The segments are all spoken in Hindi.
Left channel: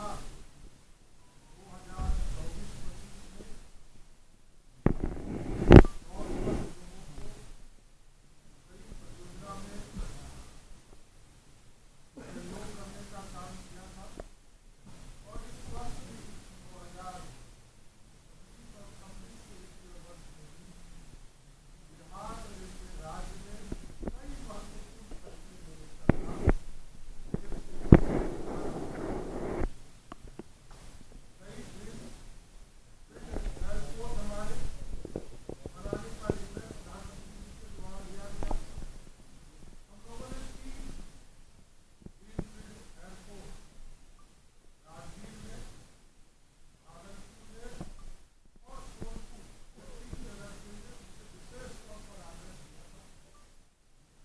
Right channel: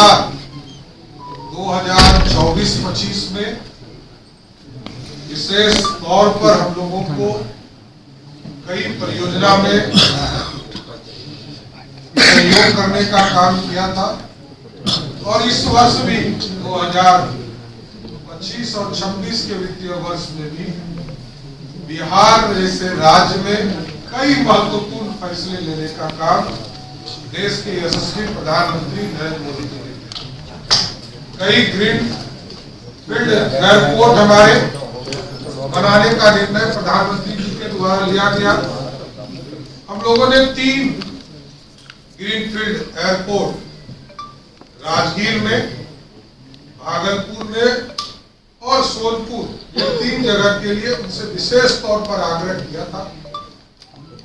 लगातार 2024-25 में विशेष तौर पर हम लोगों को कई परियोजना में सहयोग करने का काम किया था और इस वर्ष भी 2025 और 26 के वित्तीय वर्ष में भी बिहार जैसे राज्य में कई महत्वपूर्ण फैसले लेने का काम देश के यशस्वी प्रधानमंत्री नरेंद्र मोदी जी ने कई ग्रीन फील्ड एयरपोर्ट हमारे बनाने का निर्णय प्रधानमंत्री जी के द्वारा लिया गया। हम लोगों ने 3 ग्रीनफील्ड एयरपोर्ट राजगीर में, भागलपुर में और सोनपुर, ये 3 जगह के लिए उनसे विशेष तौर पर आग्रह किया था।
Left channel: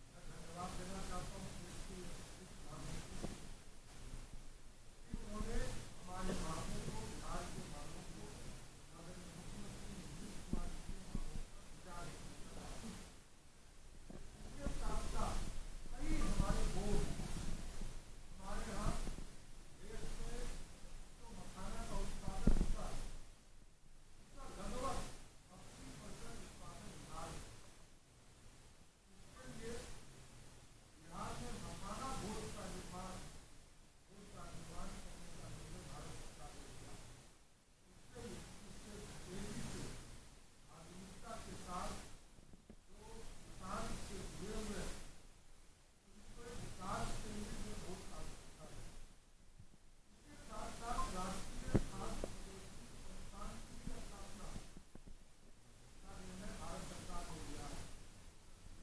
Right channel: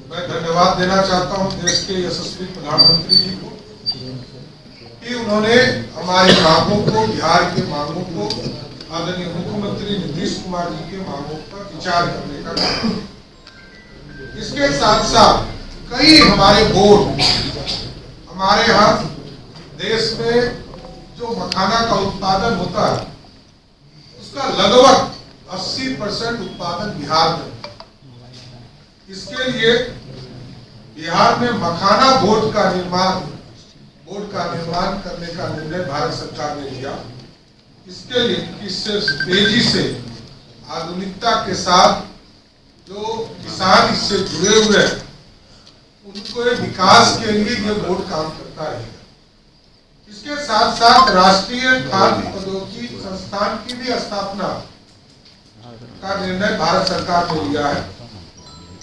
मैं धन्यवाद देना चाहता हूं देश के यशस्वी प्रधानमंत्री जी को कि उन्होंने हमारी मांगों को, बिहार के मांगों को, आदरणीय मुख्यमंत्री नीतीश कुमार जी के मांगों पर विचार करने का काम। इसके साथ साथ कई हमारे बोर्ड, हमारे यहाँ देश में जो मखाना का उत्पादन होता है उसका लगभग 80% उत्पादन बिहार में। इसके लिए बिहार में मखाना बोर्ड का निर्माण करने का निर्णय भारत सरकार ने लिया। इसके लिए इससे तेजी से आधुनिकता के साथ जो किसान इससे जुड़े हुए हैं उनको विकास के लिए ये बोर्ड काम करता है। इसके साथ साथ राष्ट्रीय खाद्य प्रौद्योगिकी संस्थान की भी स्थापना का निर्णय भारत सरकार ने लिया है।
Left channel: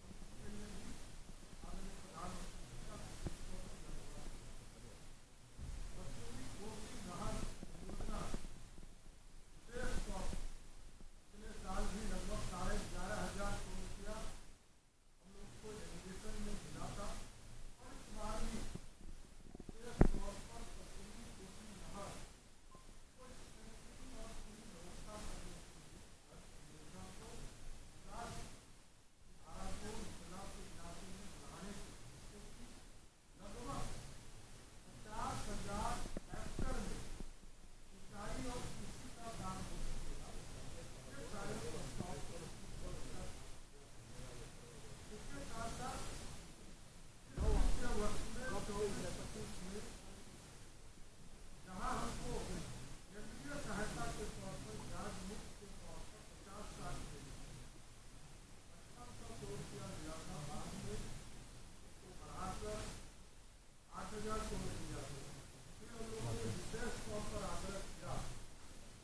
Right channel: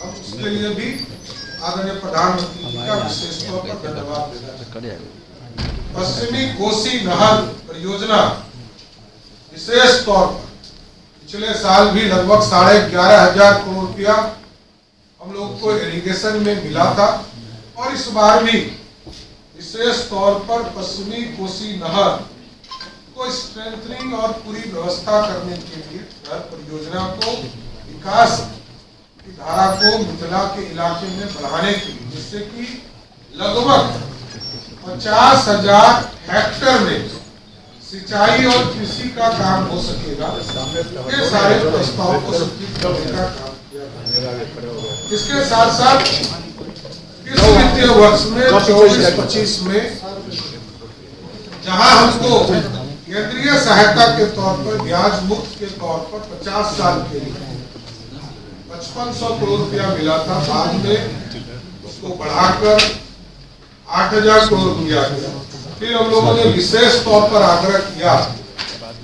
हम उसके लिए भी आदरणीय प्रधानमंत्री जी का विशेष तौर पर धन्यवाद देना चाहते हैं। पश्चिमी कोसी नहर परियोजना विशेष तौर पर पिछले साल भी लगभग 11,500 करोड़ रुपया हम लोग को इरिगेशन में मिला था और इस बार भी विशेष तौर पर पश्चिमी कोसी नहर को स्ट्रेंथनिंग और पूरी व्यवस्था करने के लिए परियोजना को विकास की धारा को मिथिला के इलाके में बढ़ाने के लिए, जिससे कि लगभग 50,000 हेक्टेयर में सिंचाई और कृषि का काम हो सकेगा। ये सारे प्रस्ताव को स्वीकृत करने का काम किया। इसके साथ साथ इस वित्तीय वर्ष में 24-25 में जहां हमको केंद्रीय सहायता के तौर पर ब्याज मुक्त के तौर पर 50 साल के लिए 5500 करोड़ रुपया मिला था, बाद में उसको बढ़ाकर 8,000 करोड़ दिया गया। फिर हम लोगों ने विशेष तौर पर आग्रह किया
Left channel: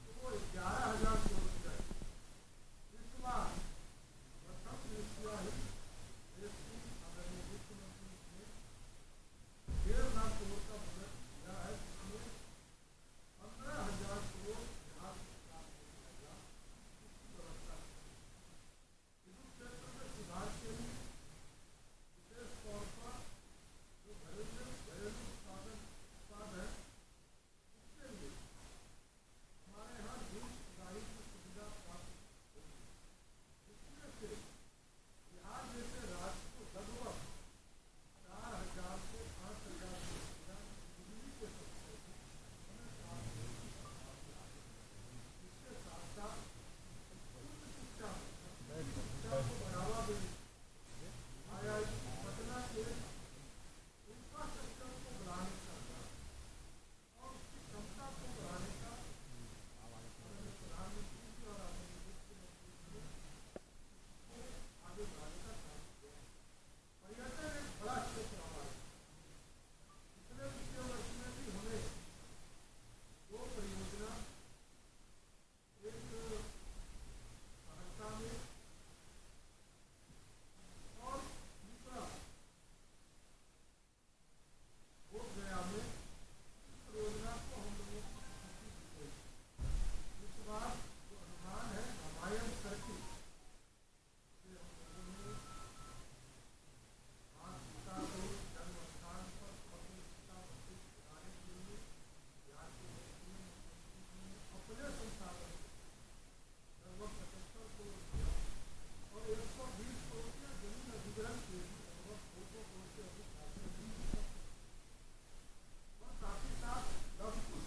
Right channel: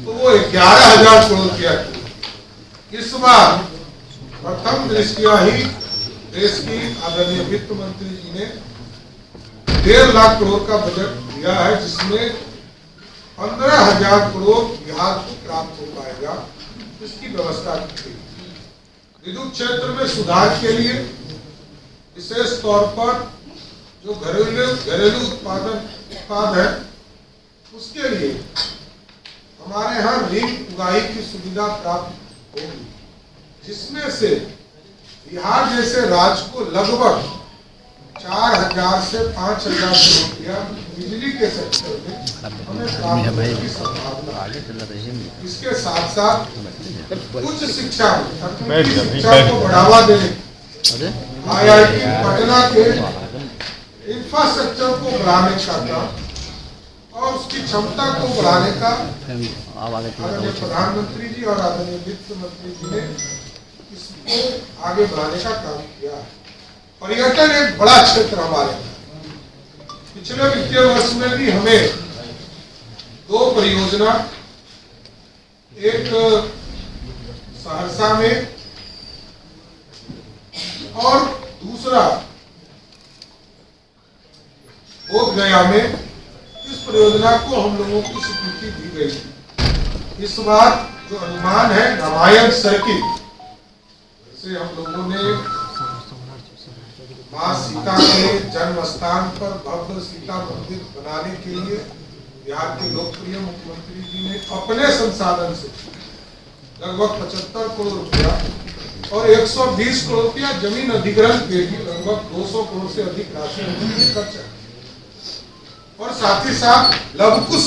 तो वो 11,000 करोड़ रुपया किया। इस बार प्रथम दृष्टया ही देश की आदरणीय वित्त मंत्री जी ने 1.5 लाख करोड़ का बजट दिया है, जिसमें 15,000 करोड़ बिहार को प्राप्त हो पाएगा। इसकी व्यवस्था की गई। विद्युत क्षेत्र में सुधार के लिए विशेष तौर पर जो घरेलू उत्पाद है उसके लिए हमारे यहाँ रिंग उगाही की सुविधा प्राप्त होगी, जिसमें से बिहार जैसे राज्य को लगभग 4,000 से 5,000 करोड़ रुपया बिजली के सेक्टर में हमें प्राप्त होने की संभावना है। इसके साथ साथ उच्च शिक्षा को बढ़ावा देने, IIT पटना के इंफ्रास्ट्रक्चर को बढ़ाने का काम और उसकी क्षमता को बढ़ाने का आदरणीय प्रधानमंत्री जी और आदरणीय वित्त मंत्री जी ने इसको आगे बढ़ाने का काम किया है। पर्यटन एक बड़ा क्षेत्र हमारे, पिछले वित्तीय वर्ष में भी हमें 2 परियोजना, एक सहरसा में और दूसरा बोध गया में, इस परियोजना को हम लोगों की स्वीकृति दी गई थी। इस बार जो अनुमान है रामायण सर्किट से हम लोगों ने मां सीता के जन्म स्थान पर भव्य सीता मंदिर बनाने के लिए बिहार के लोकप्रिय मुख्यमंत्री जी ने अपने संसाधन से लगभग 75 करोड़ रुपया और 120 करोड़ रुपया जमीन अधिग्रहण के लिए लगभग 200 करोड़ से अधिक राशि खर्च है। और साथ ही साथ लवकुश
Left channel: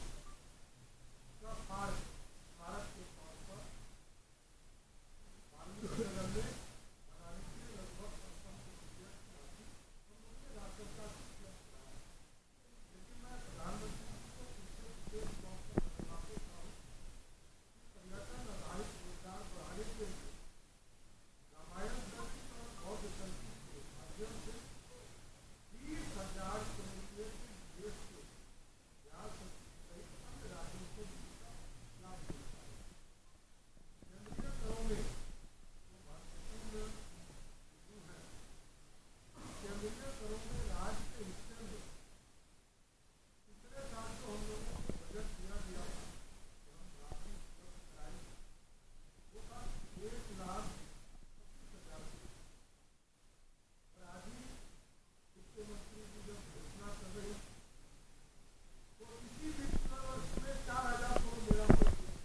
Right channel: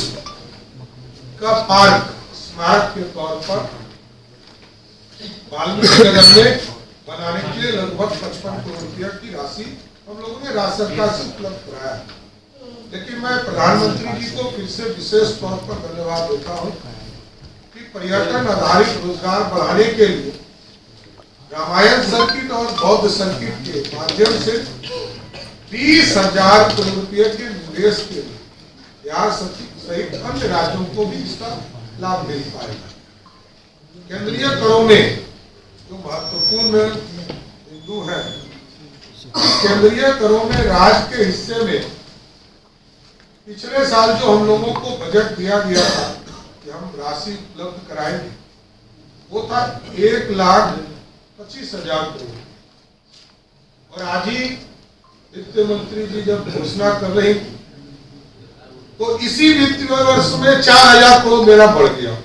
का पार्क स्मारक के तौर पर वाल्मीकि नगर में बनाने के लिए लगभग 55 करोड़ रुपया की राशि हम लोगों ने राज्य सरकार से उपलब्ध कराया। लेकिन मैं प्रधानमंत्री जी को फिर से विशेष तौर पर धन्यवाद देता हूँ कि पर्यटन आधारित रोजगार बढ़ाने के लिए रामायण सर्किट और बौद्ध सर्किट के माध्यम से 20,000 करोड़ रुपये के निवेश के लिए बिहार सहित अन्य राज्यों को भी इसका लाभ मिल पाएगा। केंद्रीय करों में जो महत्वपूर्ण बिंदु है, केंद्रीय करों में राज्य के हिस्से में पिछले साल जो हम लोगों को बजट दिया गया था कि हम राशि उपलब्ध कराएंगे, वो था 1,25,000 करोड़। और आज ही वित्त मंत्री जी जब घोषणा कर रही तो इसी वित्तीय वर्ष में 4,000 करोड़ मेरा बढ़ गया,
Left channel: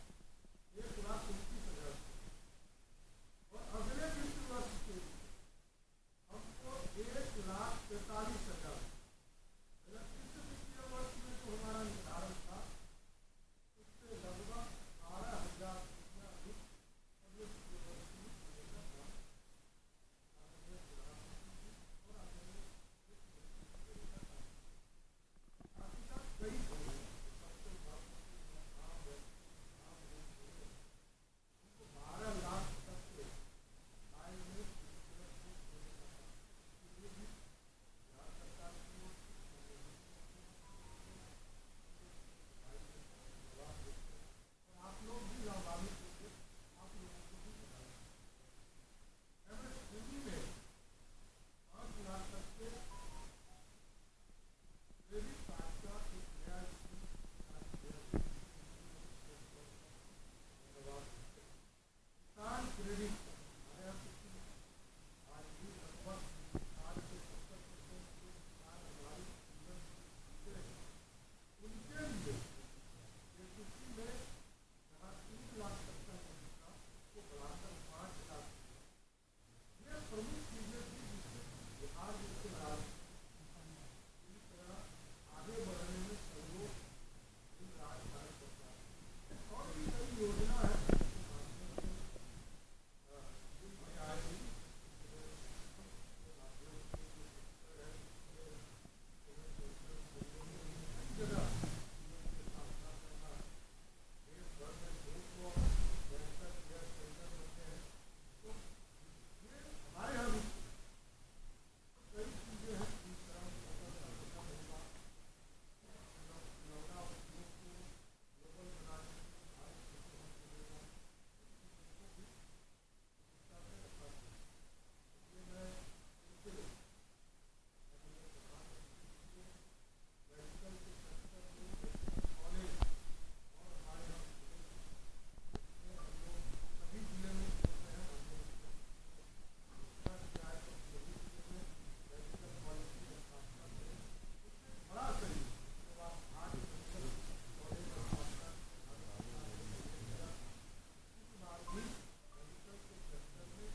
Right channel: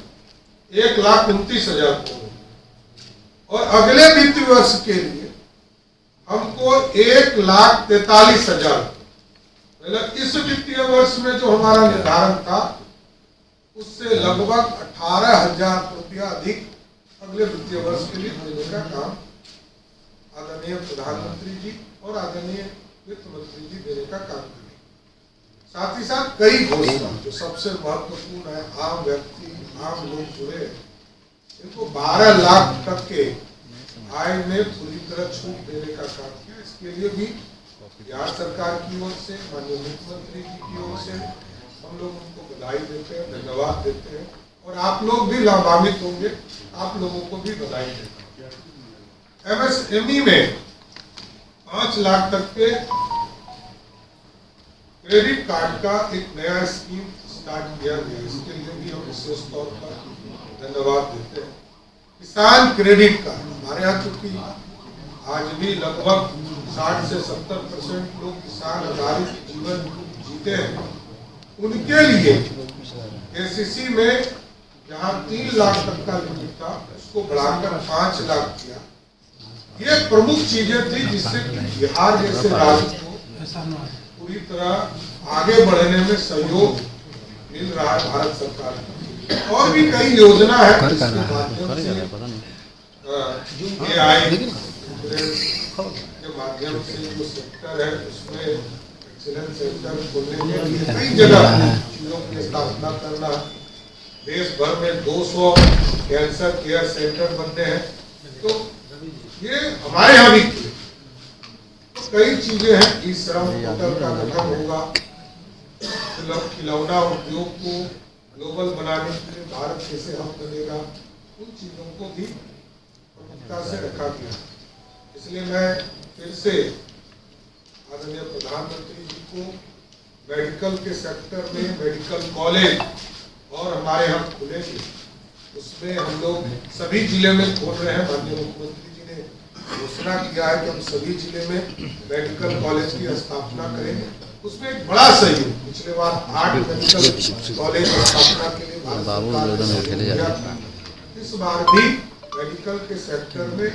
1,29,000 करोड़। और अगले वित्तीय वर्ष के लिए हमको 1,43,000, मतलब इस वित्तीय वर्ष में जो हमारा निर्धारण था उससे लगभग 18,000 रुपया अधिक अगले वित्तीय वर्ष के लिए देने का काम आदरणीय प्रधानमंत्री जी और आदरणीय वित्त मंत्री जी देने का काम करें। साथ ही साथ कई घोषणा जो सबसे महत्वपूर्ण है, आम व्यक्ति आम लोग जुड़े, इनको 12 लाख तक के आय में पूरी तरह छूट देने का काम किया। इसके लिए भी बिहार सरकार की ओर से, माननीय मुख्यमंत्री जी की ओर से हम लोग उनको बधाई देते हैं, धन्यवाद देते हैं। और आप लोग भी लाभान्वित होंगे, आप लोगों को भी बधाई देते हैं। MSME में 5 लाख तक के क्रेडिट कार्ड का एक नया स्कीम स्टार्ट किया गया, इसके लिए भी हम विशेष तौर पर धन्यवाद देते हैं। किसान क्रेडिट कार्ड हमारे यहाँ चूंकि आज भी लगभग 60 से 70% लोग किसान आधारित जीवन जीते हैं, उनके लिए KCC में जहाँ 3 लाख तक का लिमिट था उसको बढ़ाकर 5 लाख किया। ये प्रमुख चीजें थी जिससे बिहार जैसे राज्य को पूरी तरह आगे बढ़ने में सहयोग मिल रहा है भारत सरकार का। और भी कई योजना है जिसके माध्यम से AI के माध्यम से जो सेक्टर है उसमें एक्सीलेंस सेंटर खोलने के लिए कई जगह चीजों की स्थापना करना, देश भर में 200 कैंसर केयर सेंटर बनने हैं, तो ये हमारे यहाँ भी तो कई चीजें हैं। ई श्रम पोर्टल का गठन होगा, खिलौना उद्योग को ग्लोबल बनाने के लिए भारत कैसे हम बनेगा, उन चीजों को भी प्रमुखता से रखा गया। इसलिए मैं फिर से आदरणीय प्रधानमंत्री जी को मेडिकल के सेक्टर में मेडिकल कॉलेज और हमारे यहाँ खुलेंगे, उसमें हम लोग सभी जिले में खोल रहे हैं। माननीय मुख्यमंत्री जी ने घोषणा किया है कि हम सभी जिले में मेडिकल कॉलेज की स्थापना करेंगे। उसमें एक बड़ा सहयोग, पिछले बार 8 मेडिकल कॉलेज स्थापना के लिए भारत सरकार ने दिया था, इस बार भी मेडिकल के सेक्टर में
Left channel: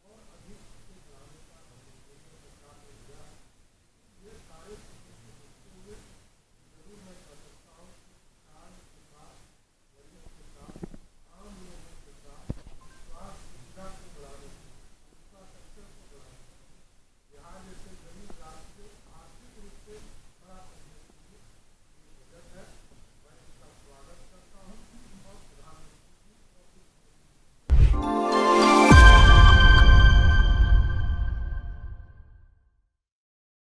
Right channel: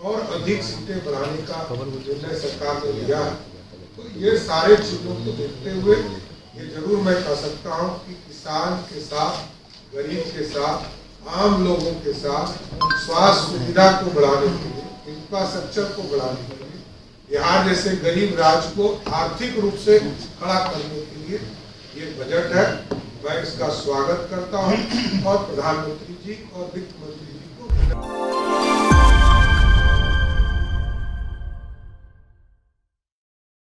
और अधिक सीटें बढ़ाने का निर्णय सरकार ने लिया है। तो ये सारे चीजों को देखते हुए ये जरूर मैं कह सकता हूँ कि किसान के साथ, गरीब के साथ, आम लोगों के साथ स्वास्थ्य सुविधा को बढ़ाने के लिए, इंफ्रास्ट्रक्चर को बढ़ाने के लिए, बिहार जैसे गरीब राज्य को आर्थिक रूप से खड़ा करने के लिए ये बजट है। मैं इसका स्वागत करता हूँ और प्रधानमंत्री जी और वित्त